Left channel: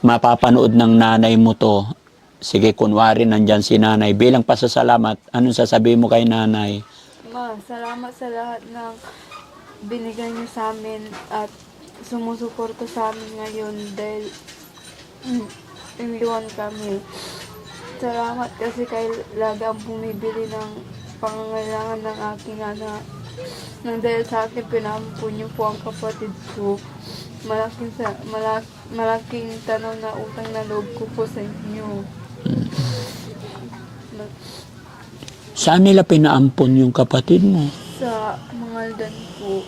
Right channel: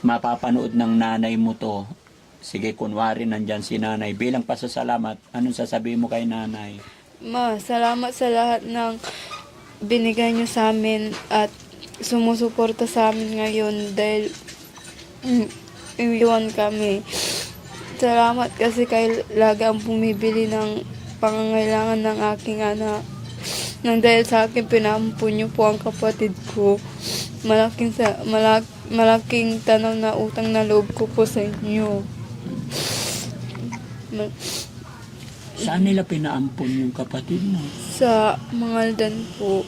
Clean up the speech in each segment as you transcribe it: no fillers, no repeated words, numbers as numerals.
mapapanood ng nanay mo to, sige, kunwari nandyan si nanay, bilang pasasalamat, anong sasabihin mo kay nanay? Ma, salamat sa lahat ng binigay niyo sa amin at sumusuporta sa amin ngayon dahil iwan kami. Salamat kasi kayo lagi ang bumibili ng pangangailangan ng aking anak. Nang dahil sa akin, pinampun niyo po ang kapatid ko. Malaking tanaw na utang na loob ko po sa inyo. Saan nila pinaampon yung kapatid mo? Sa Mangaldan po.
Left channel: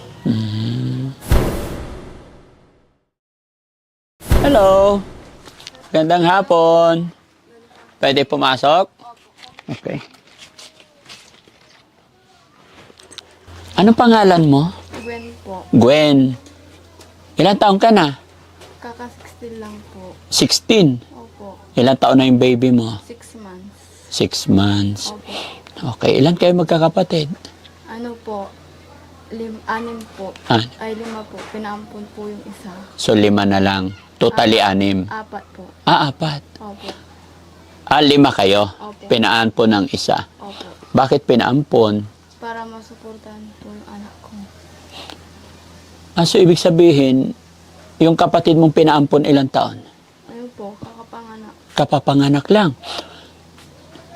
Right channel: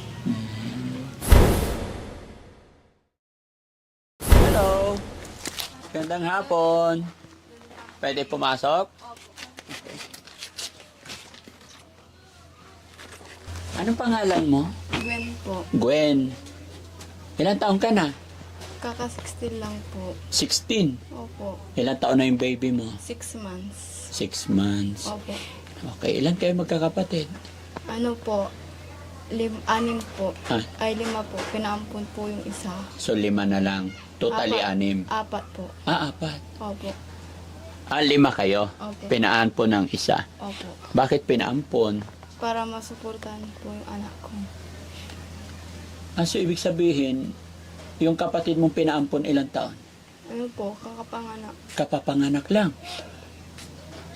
Hello! Gandang hapon! Pwede pumasok? Okay. Anong pangalan mo? Gwen po. Gwen. Ilang taon ka na? Kaka-16 lang po. 16. Opo. Ilang taon na yung baby mo? 6 months. 6 months. Opo. Okay. Ilan kayo magkakapatid? Ano po? 6 po. Ah, Ay, 5 po. Pinaampun po yung isa. so 5 na lang. Totally 6. 4 po. 4. Opo. 5 kayo. Opo. Pinaampon ng isa. Opo. Bakit pinaampon? Para masuportahan po yung anak ko. So ibig sabihin, yung kapatid mong pinaampon ilang taon? Ano po? Kakapanganak. Kapapanganak lang.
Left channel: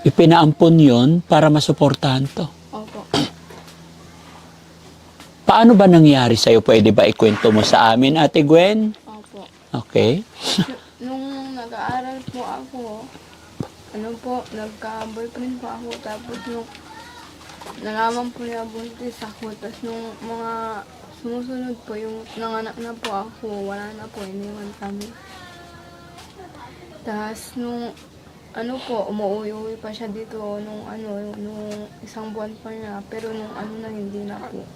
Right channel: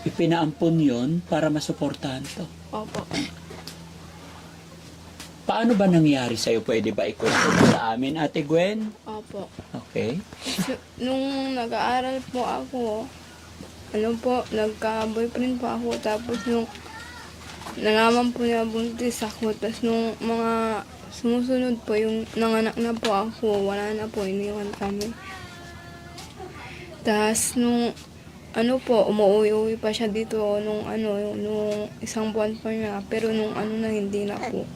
Ipinaampon yon para masuportahan to. Opo. Paano ba nangyari sa'yo? Pwede ba ikwento mo sa amin, Ate Gwen? Opo. Okay. Nung nag-aaral po ako, nagka-boyfriend po ako. Tapos nung nalaman po niya buntis ako. Tapos nung mga sumusunod po, yung nanganak na po ako, wala na po, iniwan kami. Tapos nung umuwi-uwi pa siya dito nung isang buwan pa niya. Pero nung na hindi na po.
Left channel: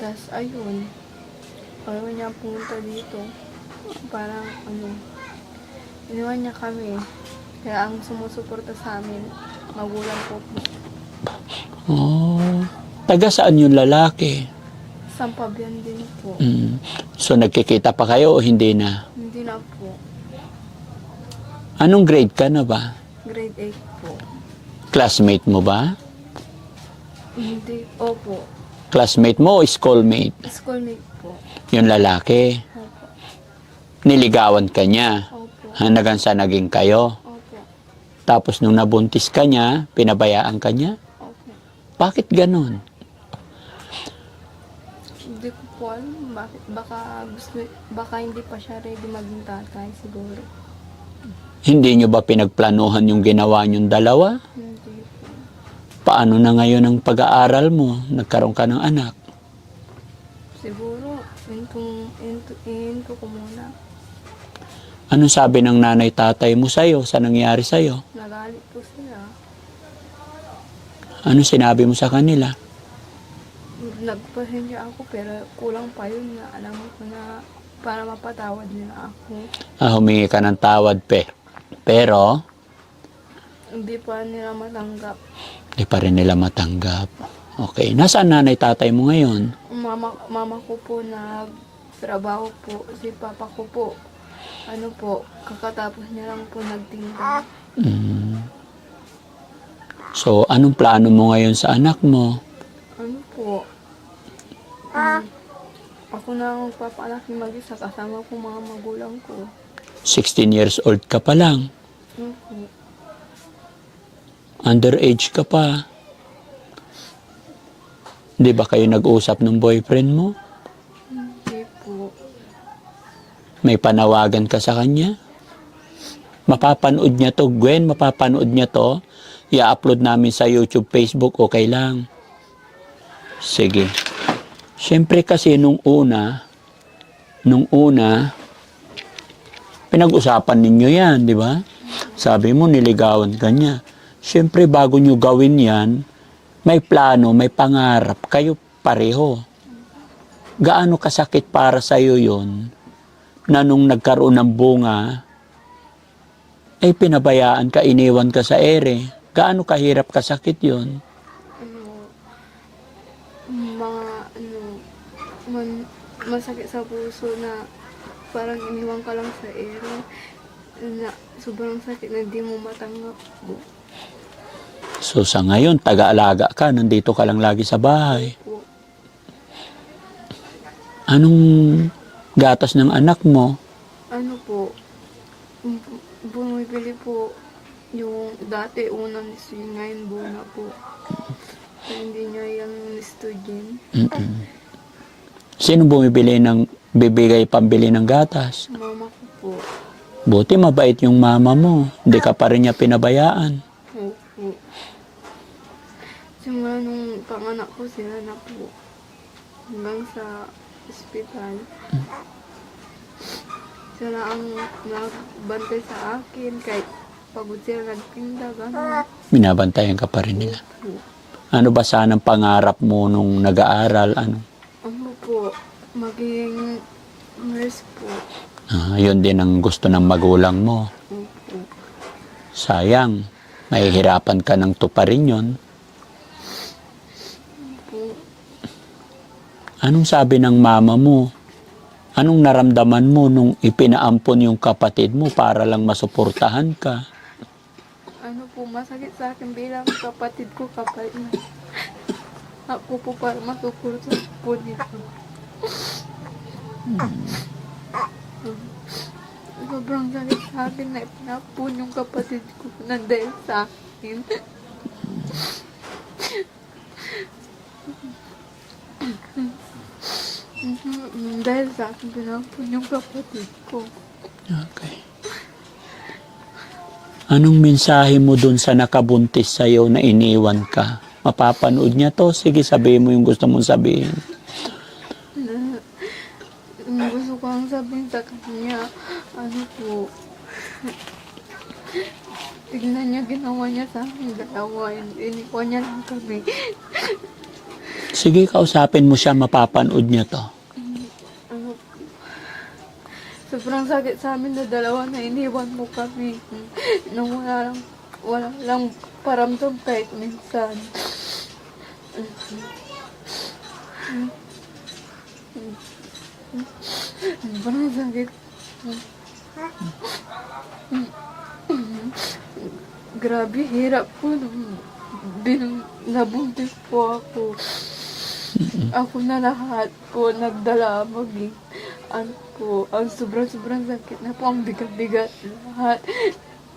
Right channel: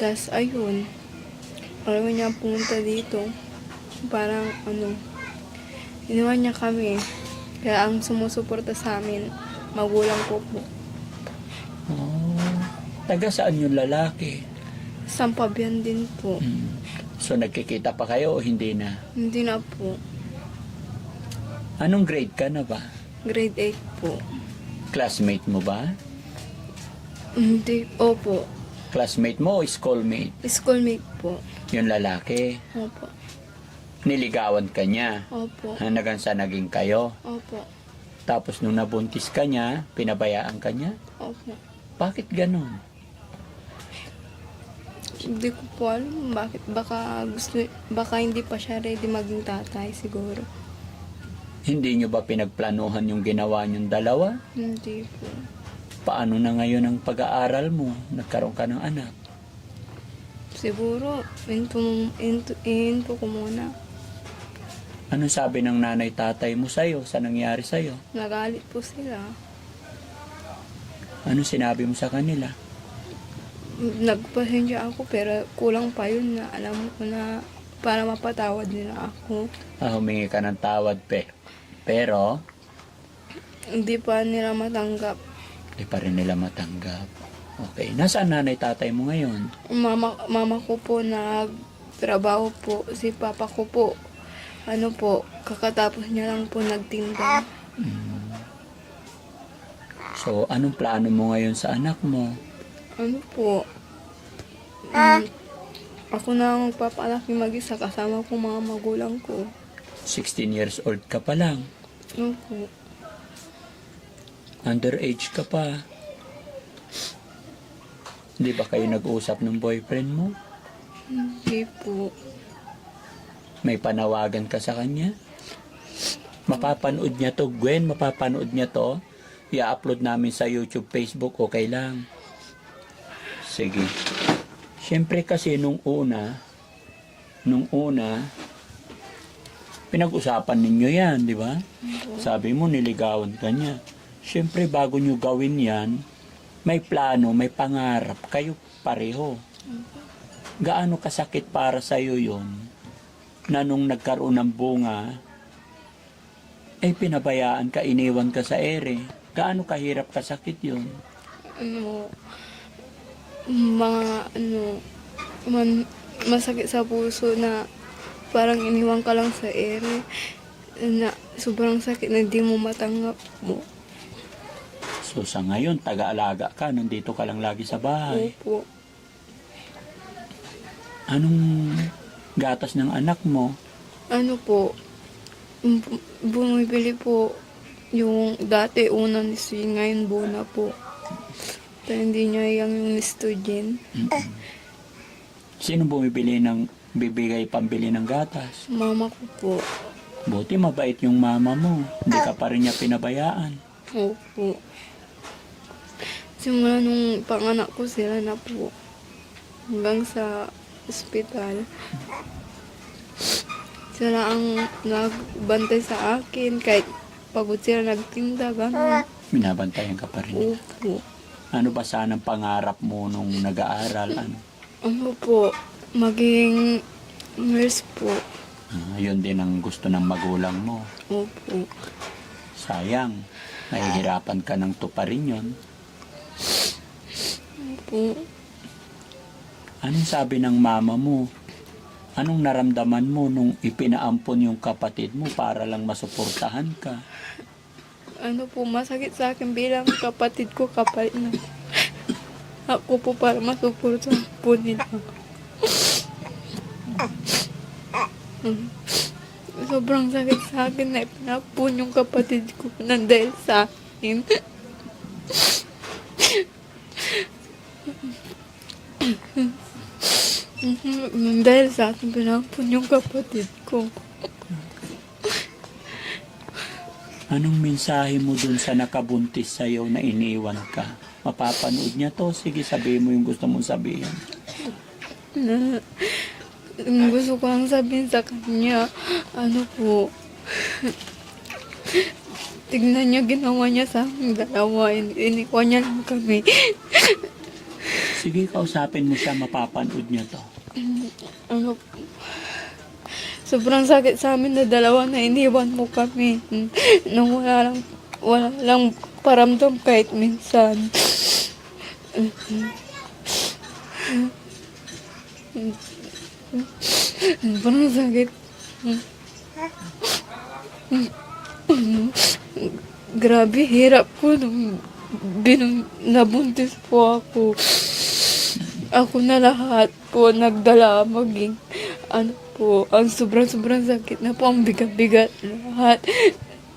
Tapos ayun, ayaw niya pumunta dito. Parang iniwan niya kami. Kaya ang sumusuporta sa amin, magulang ko po. Oh. Taga saan yung lalaki? Sampabian din po. So nagkikita pa kayo o hindi na? Hindi na po. Anong grade ka na ba? Grade 8 po. Classmate mo ba? Hindi, opo. Classmate mo o schoolmate? Schoolmate po. Yung lalaki. Opo. Niligawan ka niya. Opo. Hanggang sa naging kayo. Opo. Tapos nung nabuntis ka niya, pinabayaan ka niya? Opo. Bakit ganun? Hindi ko po alam bakit. Baka hindi pa siya ready maging tatay siguro. Hindi nyo ba pinagplanuhan yung ginawa nyong dalawa? Hindi po. Paano na ngayon ang pag-aaral mo? Nagkaroon ka ng anak. Siguro, into ko muna. Anong sabi ng nanay tatay mo sa'yo sa nangyari sa'yo? Nagalit po sila. Ano sinabi mo sa kanila? Nagpasensya ako pero kulang pa yun na alam ko na para mapatawad nila ako. Humingi ka ng tawad, pero Hindi pa nila matanggap. di pa rin nila matanggap. Okay. Nasaan nanay tatay mo ngayon? Mama ko po nagtrabaho po. Si papa ko po, kakatapos niya lang po nagtinda. So, anong plano mo ngayon sa anak mo? Ako na ang magpapalaki mag-isa kasama ko mga magulang ko. 16 years old ka pa lang. Po. Underage ka pa. Di ba kayo nag-usap ng boyfriend mo? Hindi po. May panawagan ka sa kanya? Mapapanood niya to, Gwen, mapapanood niya to. I-upload namin sa YouTube, Facebook, okay lang. Sige. Siyempre kasi nung una, pinag-usapan ninyo yan, di ba? Sabi mo, niligawan ka niya. Siyempre, bago nyo gawin yan, may plano, may pangarap, kayo pareho. Gaano kasakit para sa'yo yun, na nung nagkaroon ng bunga, ay pinabayaan ka, iniwan ka sa ere. Gaano kahirap kasakit yun? Masakit sa puso na parang iniwan ka lang sa ere na sobrang sakit na di mo matanggap mo. So sa ngayon, taga-alaga ka, nandito ka lang lagi sa bahay. Opo. Anong gatas ng anak mo? Ano po, bumibili po yung dati unang nistoy, ngayon Bona po. Pero hindi niya yung nistogen. Mm-mm. Sino bumibili bibigay pambili ng gatas? Mama ko po. Buti mabait yung mama mo. Hindi ka pa rin niya pinabayaan. Opo. Simula nung panganak ko sila na po. Hanggang sa ospital. Sila ang nagbantay sa akin. Kahit pagod sila nagtinda, gano'n. Binabantayan ka pa rin nila. Opo. Ano ba sanang pangarap mo nung nag-aaral? Ano po, maging nurse po. Yun din ang gusto ng magulang mo. Opo. Sayang, mahihirapan ka ng tuparin yun. Opo. Anong sabi ng mama mo? Anong naramdaman mo nung ipinaampon yung kapatid mo para lang masuportahan ka? Ano po, masakit sa akin bilang kapatid ko kapalit na. Ako po para masuportahan po nila. Sobrang sakit sa akin na ipinapon yung kapatid ko na dahil sa akin. Dahil sa akin pinapon yung kapatid ko. Okay. Anong mensahe mo dun sa nakabuntis sa'yo na iniwan ka? Mapapanood niya to? Sige, sabihin mo yung gusto mong sabihin. Gusto ko lang sabihin sa kanya, ano po, tignan niya ginawa niya sa aking dalawa, inikwa niya lang kami. Sige, kausapin mo siya, mapapanood niya to. Ano, sobrang sakit sa amin na dalawa na iniwan mo kami. Na wala lang paramdam kahit minsan. Sobrang sakit. Grabe, hirap ko nung nabuntis po ako. Ako na lahat po nagdala maging ano po, ang sobrang sakit na po, ang bigat-bigat lahat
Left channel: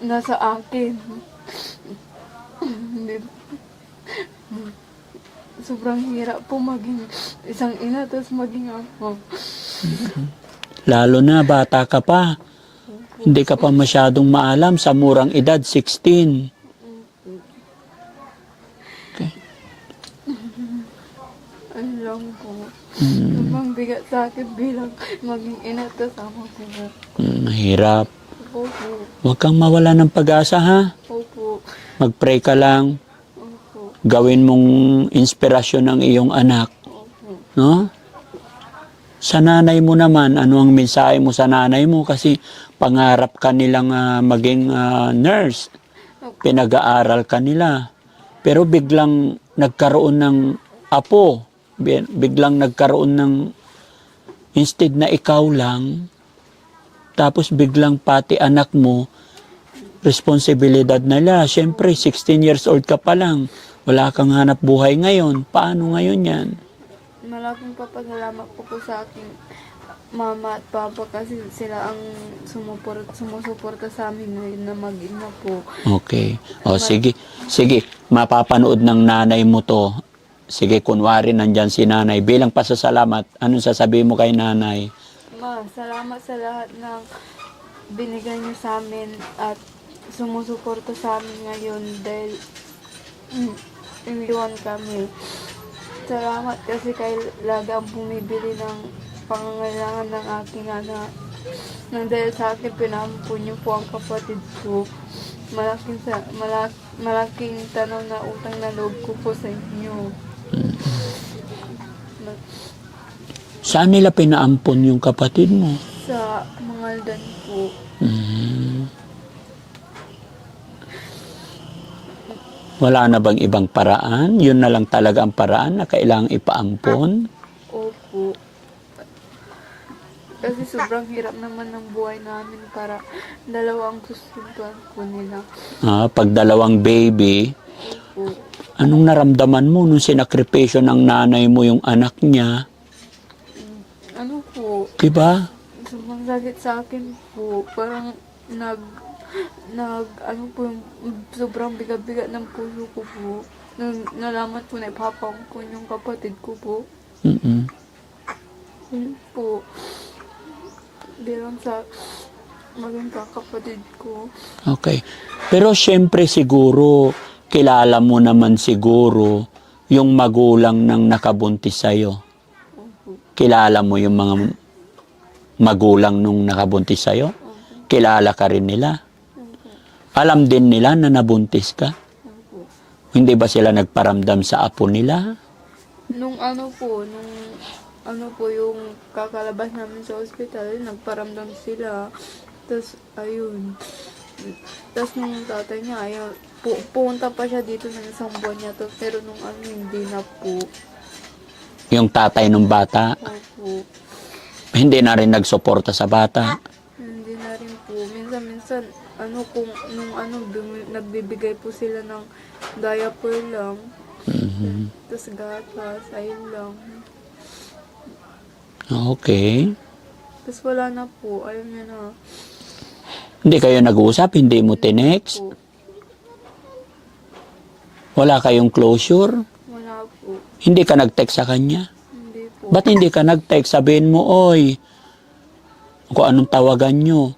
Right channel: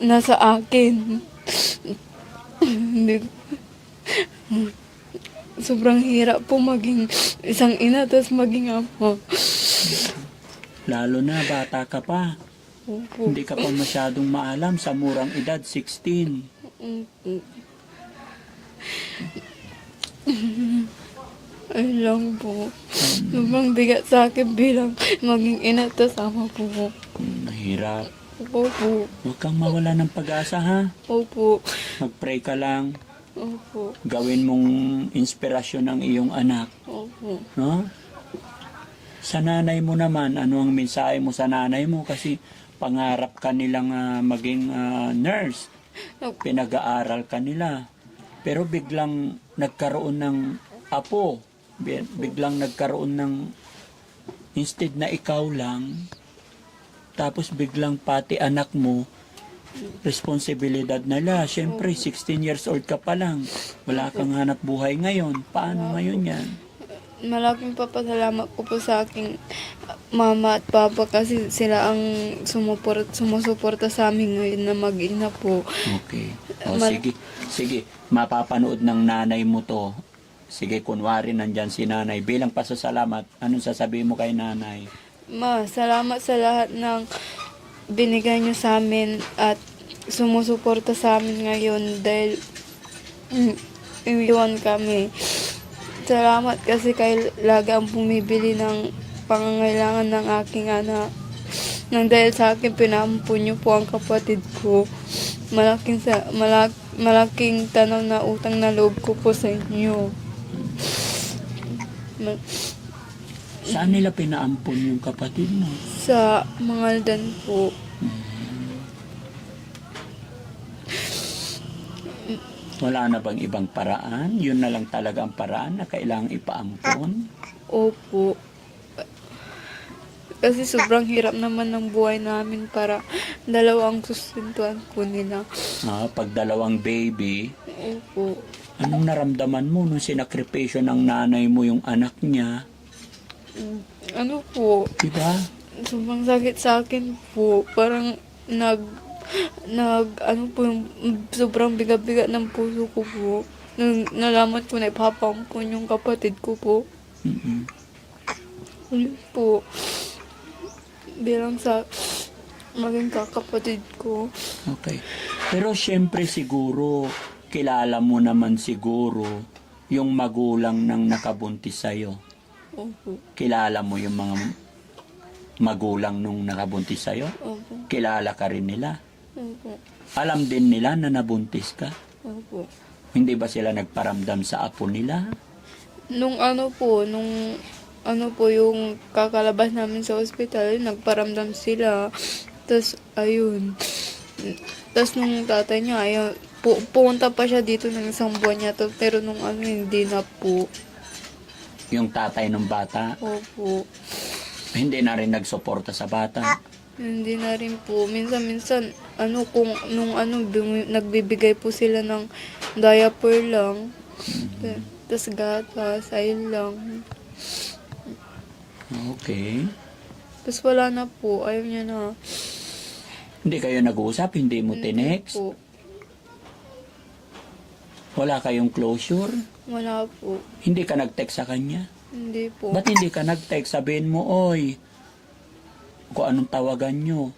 nasa akin. Hindi sobrang hirap po maging isang ina tapos maging ama. Lalo na, bata ka pa. Opo. Hindi ka pa masyadong maalam sa murang edad, 16. Ayun lang po. Sobrang bigat sa akin bilang maging ina tapos ama po. Mahirap. Opo. Huwag kang mawala ng pag-asa, ha? Opo. Mag-pray ka lang. Opo. Gawin mong inspirasyon ng iyong anak. Opo. No? Sa nanay mo naman, ano ang mensahe mo sa nanay mo? Kasi pangarap ka nilang maging nurse. Pinag-aaral ka nila. Pero biglang nagkaroon ng apo. Biglang nagkaroon ng, instead na ikaw lang, tapos biglang pati anak mo, responsibilidad nila. Siyempre, 16 years old ka pa lang. Wala kang hanap buhay ngayon. Paano ngayon yan? Malaking papasalamat ko po sa aking mama at papa kasi sila ang sumusuporta sa amin ngayon na mag-ina po. Okay. O sige. Sige, mapapanood ng nanay mo to. Sige, kunwari nandyan si nanay. Bilang pasasalamat, anong sasabihin mo kay nanay? Ma, salamat sa lahat ng binigay niyo sa amin at sumusuporta sa amin ngayon dahil iniwan kami. Salamat kasi kayo lagi ang bumibili ng pangangailangan ng aking anak. Nang dahil sa akin, pinampun niyo po ang kapatid ko. Malaking tanaw na utang na loob ko po sa inyo. Saan nila pinaampon yung kapatid mo? Sa Mangaldan po. Wala na bang ibang paraan? Yun na lang talaga ang paraan na kailangang ipaampon? Opo. Kasi sobrang hirap naman ng buhay namin para dalawang susunduan po nila. Pag dalawang baby, Opo. anong naramdaman mo nung sinakripisyo ng nanay mo yung anak niya? Ano po, Diba? sobrang sakit sa akin po. Parang ano po, sobrang bigat-bigat ng puso ko po. Nung nalaman ko na ipapangkon yung kapatid ko po. Mm-mm. Ano po, bilang sa maging kakapatid ko. Okay. Pero syempre siguro, kilala mo naman siguro yung magulang ng nakabuntis sa'yo. Opo. Kilala mo yung mga magulang nung nakabuntis sa'yo? Opo. Kilala ka rin nila? Opo. Alam din nila na nabuntis ka? Opo. Hindi ba sila nagparamdam sa apo nila? Nung ano po, yung kakalabas namin sa ospital, nagparamdam sila. Tapos, ayun. Tapos nung tatay niya, ayun, pumunta pa siya dito ng isang buwan niya to. Pero nung ano, hindi na po. Yung tatay ng bata, Opo. hindi na rin nagsuporta sa bata. Hindi na rin po. Minsan, nagbibigay po sila ng diaper lang. Tapos gatas, ayun lang. Okay. Tapos wala na po, ayaw niya na. Hindi kayo nag-uusap? Hindi mo tinext? Po. Wala kayong closure? Wala po. Hindi ka nag-text sa kanya? Hindi po. Ba't hindi ka nag-text? Sabihin mo, oy, kung anong tawagan nyo.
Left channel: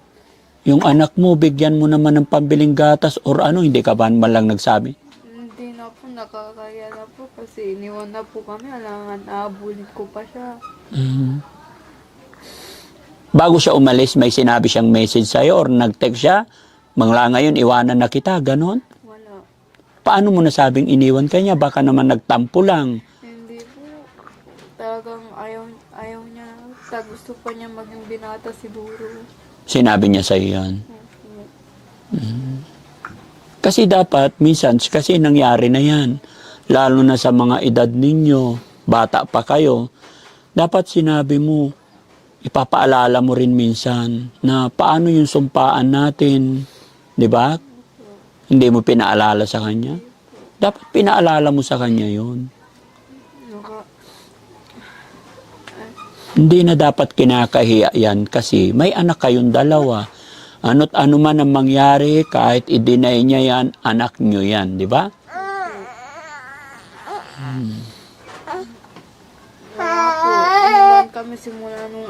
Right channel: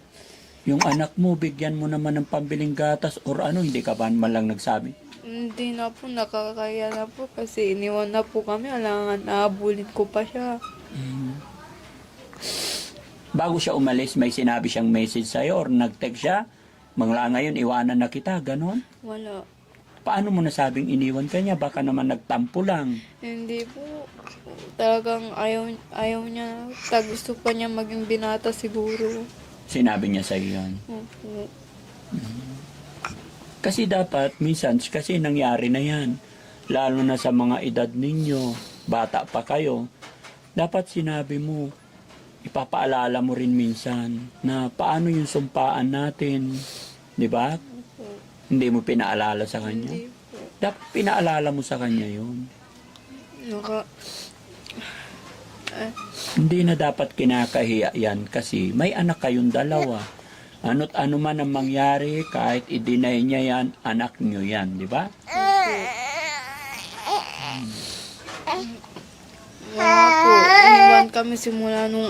Yung anak mo, bigyan mo naman ng pambiling gatas or ano, hindi ka ba man lang nagsabi? Hindi na po, nakakaya na po kasi iniwan na po kami. Alangan, naabulin ko pa siya. Bago siya umalis, may sinabi siyang message sa'yo or nag-text siya, mangla ngayon, iwanan na kita, ganon? Wala. Paano mo nasabing iniwan ka niya? Baka naman nagtampo lang. Hindi po. Talagang ayaw niya. Gusto pa niya maging binata siguro. Sinabi niya sa'yo yan. Opo. Kasi dapat, minsan, kasi nangyari na yan. Lalo na sa mga edad ninyo, bata pa kayo. Dapat sinabi mo, ipapaalala mo rin minsan na paano yung sumpaan natin. Di ba? Hindi mo pinaalala sa kanya. Dapat pinaalala mo sa kanya yun. Hindi na dapat kinakahiya yan kasi may anak kayong dalawa. Ano't ano man ang mangyari, kahit i-deny niya yan, anak niyo yan, di ba? Iniwan kami simula nung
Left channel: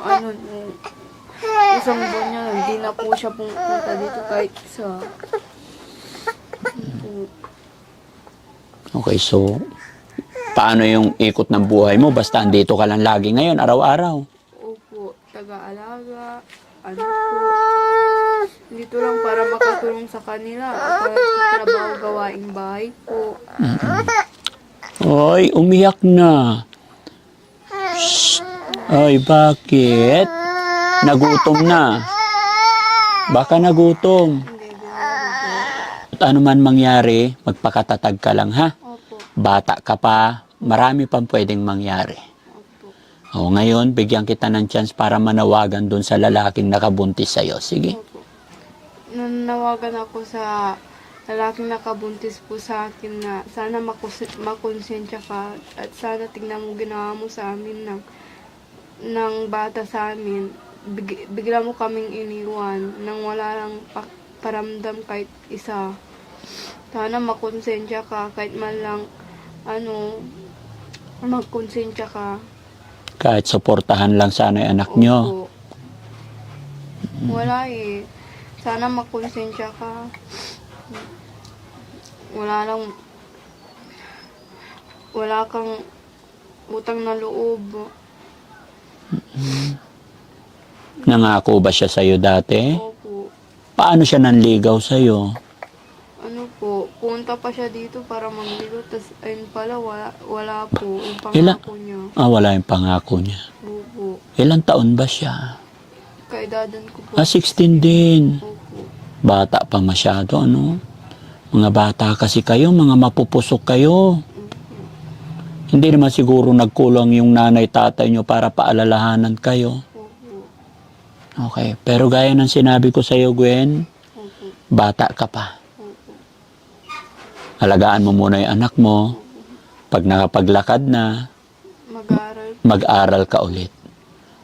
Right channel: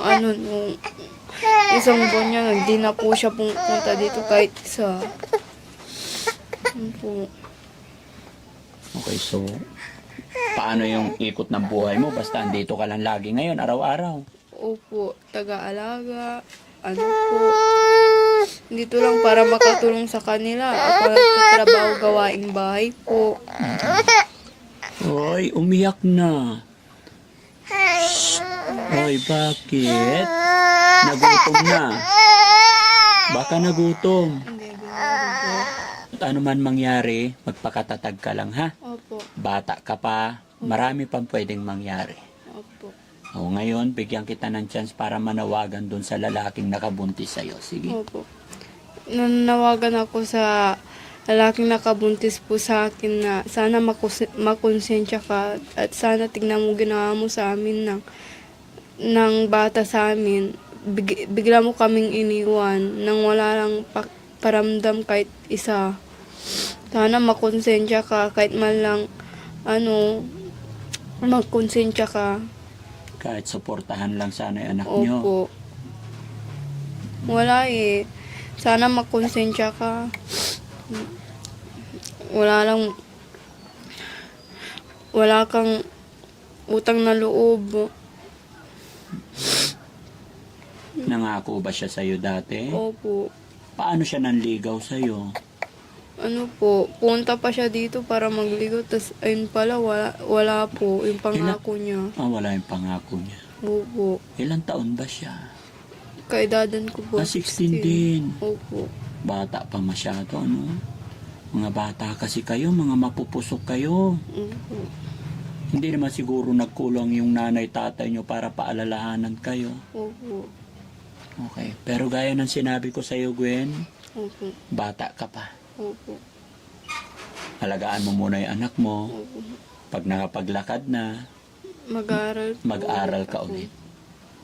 isang buwan niya, hindi na po siya pumunta dito kahit isa. Okay, so, paano yung ikot ng buhay mo? Basta andito ka lang lagi ngayon, araw-araw. Opo, taga-alaga, ano po. Dito lang para makatulong sa kanila. Para trabaho gawaing bahay po. Oy, umiyak na. Shh. Oy, bakit? Nagutom na. Baka nagutom. At ano man mangyari, magpakatatag ka lang, ha? Opo. Bata ka pa, marami pang pwedeng mangyari. Opo. Ngayon, bigyan kita ng chance para manawagan doon sa lalaking nakabuntis sa'yo. Sige. Opo. Nanawagan ako sa lalaking nakabuntis po sa akin na sana makonsensya ka at sana tignan mo ginawa mo sa amin ng bata sa amin. Bigla mo kaming iniwan nang wala lang paramdam kahit isa. Sana makonsensya ka kahit man lang magkonsensya ka. Kahit suportahan lang sana yung anak nyo. Opo. Wala eh. Sana makonsensya ka. Wala kang utang na loob. Nangako ba siya sa'yo dati? Opo. Paano siya nanligaw sa'yo? Ano po, punta pa siya dito para magligo, tas ayun pala, wala po, yung pangako niya. Wala yung pangako niya. Opo. Ilang taon ba siya? Kaedadan ko po. 16 din. Opo. Bata pa masyado, ano? Mga bata kasi kayo, mga mapupusok kayo. Opo. Hindi naman siguro nagkulang yung nanay tatay nyo para paalalahanan kayo. Opo. Okay. Pero gaya ng sinabi ko sa iyo, Gwen, Opo. bata ka pa. Opo. Alagaan mo muna yung anak mo. Opo. Pag nakapaglakad na, Mag-aaral. mag-aral ka ulit.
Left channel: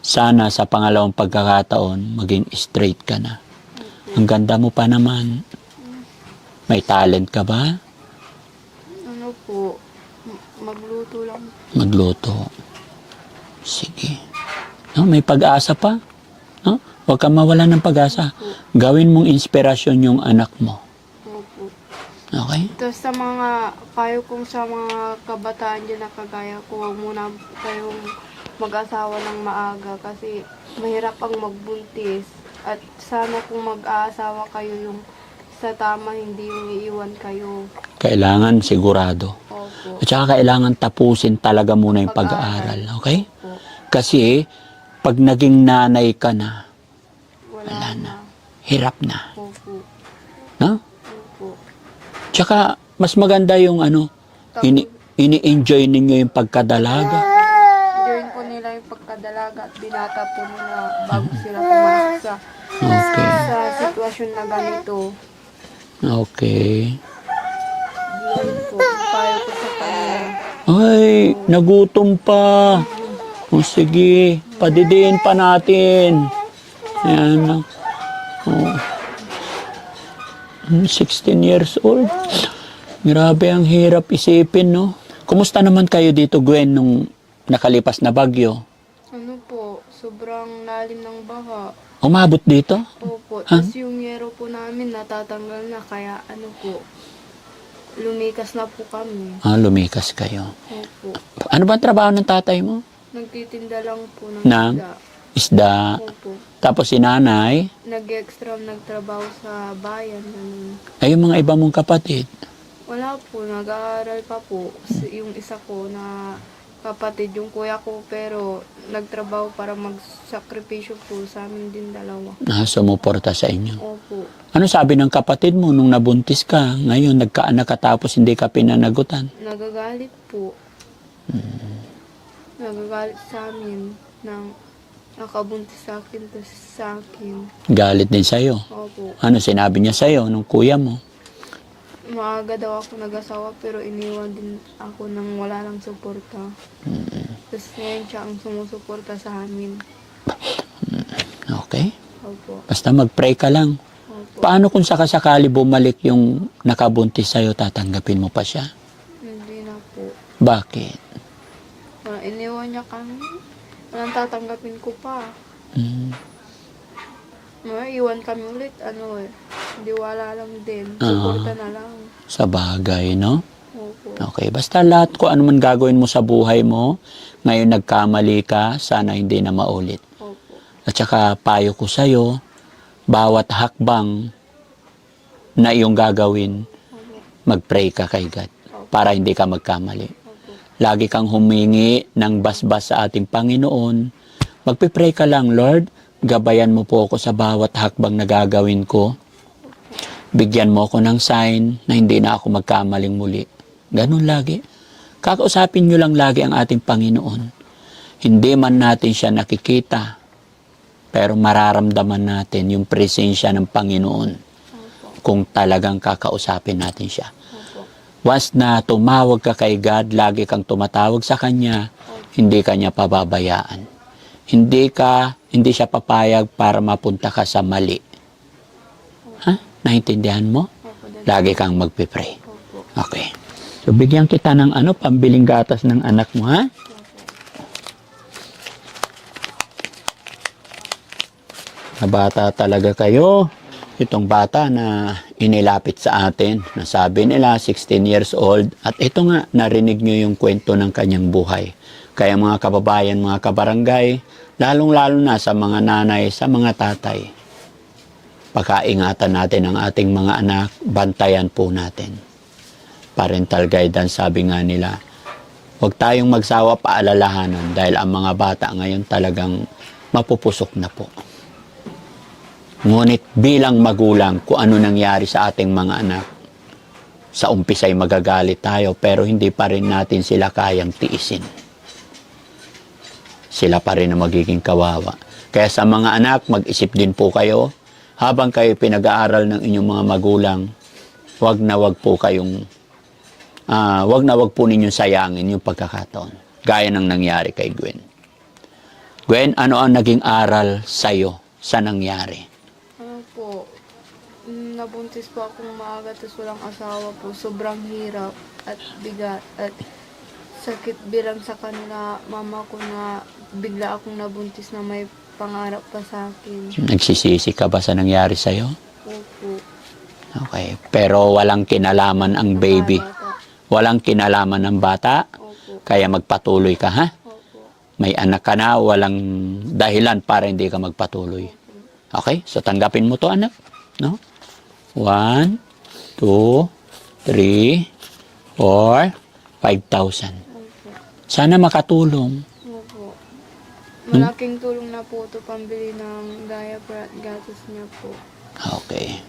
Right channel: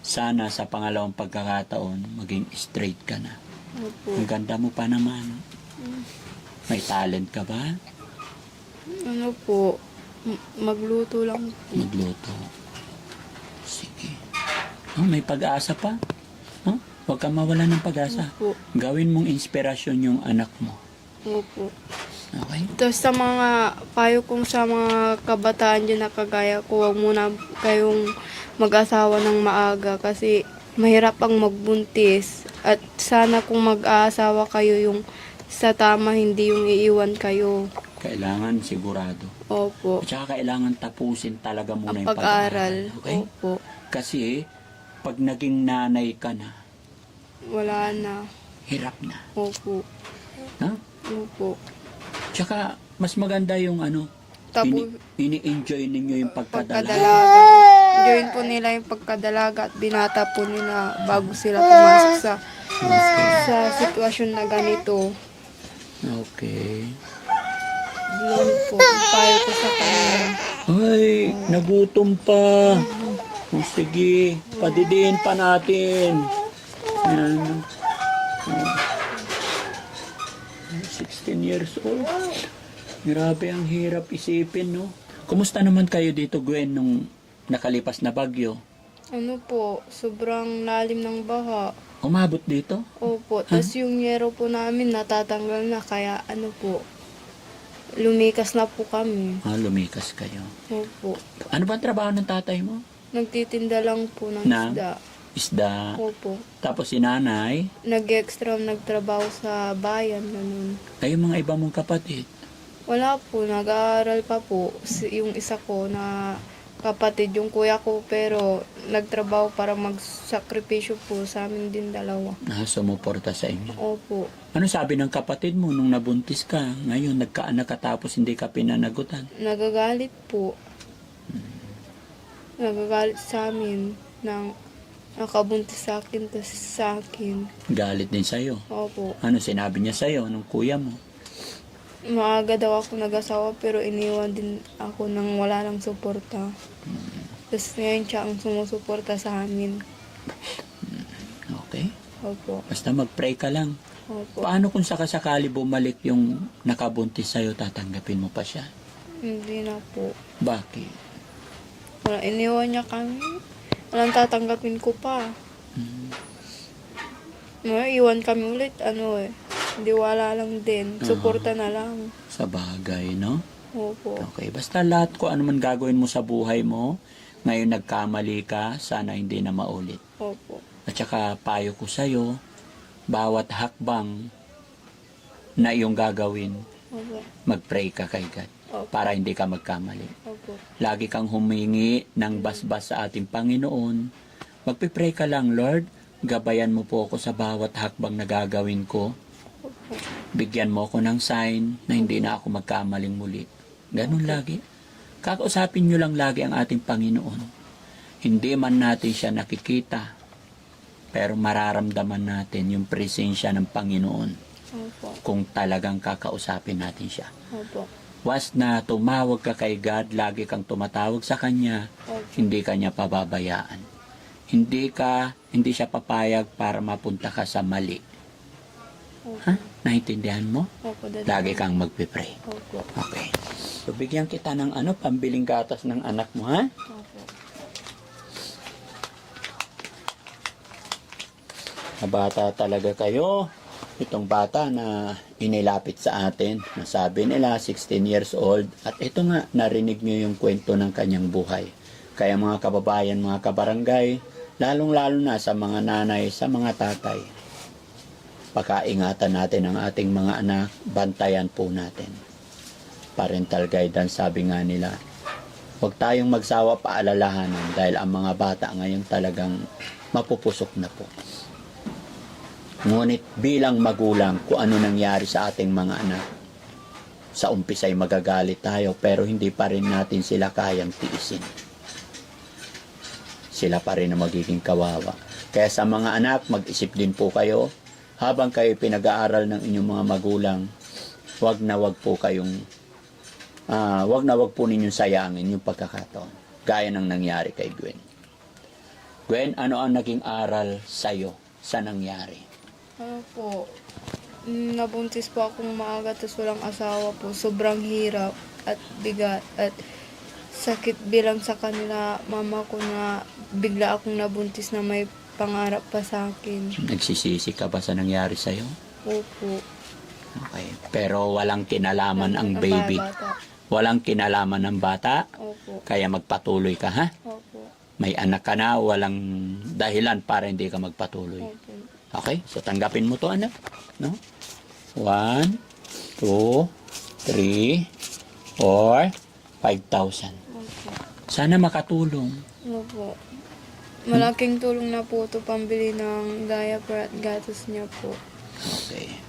Sana sa pangalawang pagkakataon, maging straight ka na. Opo. Ang ganda mo pa naman. May talent ka ba? Ano po, magluto lang. Magluto. Sige. No, may pag-asa pa. No? Huwag kang mawalan ng pag-asa. Opo. Gawin mong inspirasyon yung anak mo. Opo. Okay? Tapos sa mga payo kong sa mga kabataan dyan na kagaya ko, huwag muna kayong mag-asawa ng maaga kasi mahirap ang magbuntis. At sana kung mag-aasawa kayo yung sa tama, hindi yung iiwan kayo. Kailangan sigurado. Opo. At saka kailangan tapusin talaga muna yung pag-aaral. Okay? Opo. Kasi pag naging nanay ka na, Wala na. hirap na. Opo. No? Opo. Tsaka mas maganda yung ini-enjoy ninyo yung pagkadalaga. Join po nila yung pagkadalaga at binata po nila bago sila pumasok Okay. sa sitwasyon na ganito. Okay. Yun po, yung payo ko sa kanila. Ay, nagutom pa. O sige, padidiin pa natin. Ayan. Oh. 16 years old. Grabe, ang hirap isipin, no? Kumusta naman kayo dito, Gwen, nung nakalipas na bagyo? Ano po, sobrang lalim ng baha. Umabot dito? Opo, tapos yung yero po namin natatanggal na, kaya ano po, lumikas na po kami. Lumikas kayo. Opo, Ano ba ang trabaho ng tatay mo? nagtitinda lang po ng Ng? isda. Isda. Opo, Tapos si nanay, nag-extra nagtrabaho sa bayan. Ganun. ay yung mga iba mong kapatid. Wala po, nag-aaral pa po. Yung isa ko na kapatid, yung kuya ko, pero nagtrabaho para magsakripisyo po sa amin din dalawa. Sumuporta sa inyo. Opo. Ano sabi ng kapatid mo nung nabuntis ka? Ngayon, nagkaanak ka tapos hindi ka pinanagutan. Nagagalit po. Nagagalit sa amin ng nakabuntis sa akin, tas sa akin. Galit din sa'yo. Opo. Ano sinabi niya sa'yo nung kuya mo? Maaga daw ako nag-asawa pero iniwan din ako nang wala nang suporta. Tapos ngayon siya ang sumusuporta sa amin. Okay. Opo. Basta mag-pray ka lang. Opo. Paano kung sakasakali bumalik yung nakabuntis sa'yo, tatanggapin mo pa siya? Hindi na po. Bakit? Wala, iniwan niya kami. Walang tatanggapin ko pa. Hmm. Iwan kami ulit, hindi wala lang din. Suporta na lang. Sa bagay, no? Opo. Okay. Basta lahat ko ano man gagawin mo sa buhay mo, ngayon nagkamali ka, sana hindi na maulit. Opo. At saka payo ko sa'yo, bawat hakbang na iyong gagawin, Opo. mag-pray ka kay God para hindi ka magkamali. Opo. Lagi kang humingi ng basbas sa ating Panginoon. Magpipray ka lang, Lord, gabayan mo po ako sa bawat hakbang na gagawin ko. Bigyan mo ako ng sign na hindi na ako magkamaling muli. Ganun lagi. Kakausapin nyo lang lagi ang ating Panginoon. Hindi man natin siya nakikita, pero mararamdaman natin yung presensya ng Panginoon Opo. kung talagang kakausapin natin siya. Opo. Once na tumawag ka kay God, lagi kang tumatawag sa Kanya, hindi ka niya pababayaan. Hindi siya papayag para mapunta ka sa mali. Ha? Naintindihan mo? Opo. Lagi kang magpipray. Opo. Okay. So, bigyan kita ng pambiling gatas ng anak mo, ha? Na bata talaga kayo. Itong bata na inilapit sa atin, na sabi nila 16 years old, at ito nga, narinig nyo yung kwento ng kanyang buhay. Kaya mga kababayan, mga kabarangay, lalong-lalo na sa mga nanay, sa mga tatay, pakaingatan natin ang ating mga anak, bantayan po natin. Parental guidance, sabi nga nila, huwag tayong magsawa paalalahanan dahil ang mga bata ngayon talagang mapupusok na po. Ngunit bilang magulang, kung ano nangyari sa ating mga anak, sa umpisa'y magagalit tayo pero hindi pa rin natin sila kayang tiisin. Sila pa rin ang magiging kawawa. Kaya sa mga anak, mag-isip din po kayo. Habang kayo pinag-aaral ng inyong mga magulang, wag na wag po ninyong sayangin yung pagkakataon. Gaya ng nangyari kay Gwen. Gwen, ano ang naging aral sa'yo sa nangyari? Ano po, nabuntis po akong maaga tapos walang asawa po. Sobrang hirap at bigat at sakit bilang sa kanila mama ko na bigla akong nabuntis na may pangarap pa sa akin. Nagsisisi ka ba sa nangyari sa'yo? Opo. Okay. Pero walang kinalaman ang baby. Bata. Walang kinalaman ng bata. Opo. Kaya magpatuloy ka, ha? Opo. May anak ka na, walang dahilan para hindi ka magpatuloy. Okay? So, tanggapin mo to, anak. No? 1, 2, 3, 4, 5,000. Opo. Sana makatulong. Opo. Malaking tulong na po ito pambili ng diaper at gatas niya po. Okay.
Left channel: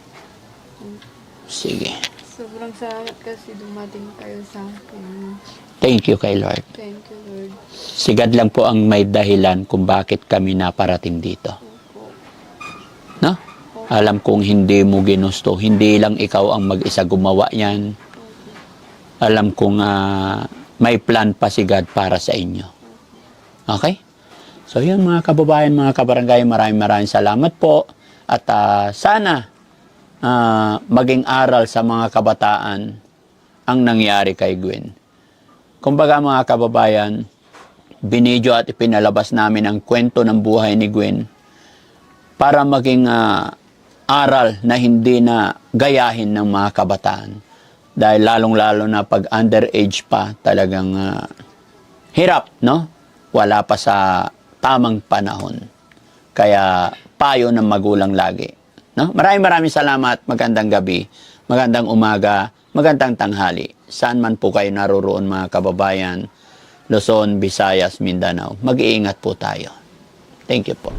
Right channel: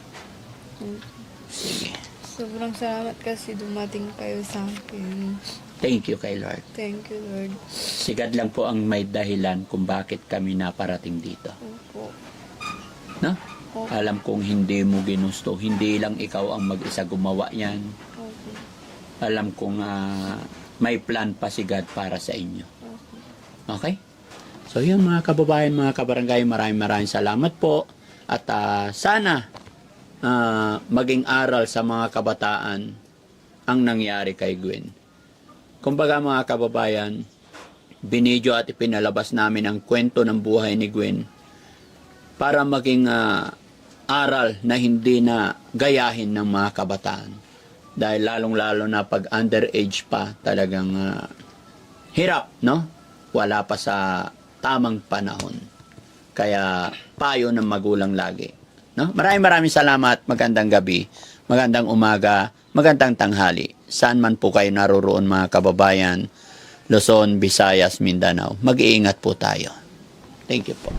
Sige. Sobrang salamat kasi dumating kayo sa akin. Thank you kay Lord. Thank you, Lord. Si God lang po ang may dahilan kung bakit kami naparating dito. Opo. No? Alam kong hindi mo ginusto. Hindi lang ikaw ang mag-isa gumawa yan. Alam kong may plan pa si God para sa inyo. Okay? So yun mga kababayan, mga kabarangay, maraming salamat po. At sana maging aral sa mga kabataan ang nangyari kay Gwen. Kumbaga mga kababayan, binidyo at ipinalabas namin ang kwento ng buhay ni Gwen para maging aral na hindi na gayahin ng mga kabataan. Dahil lalong-lalo na pag underage pa, talagang hirap, no? Wala pa sa tamang panahon. Kaya payo ng magulang lagi. No? Maraming salamat. Magandang gabi, magandang umaga, magandang tanghali. Saan man po kayo naroroon mga kababayan, Luzon, Visayas, Mindanao. Mag-iingat po tayo. Thank you po.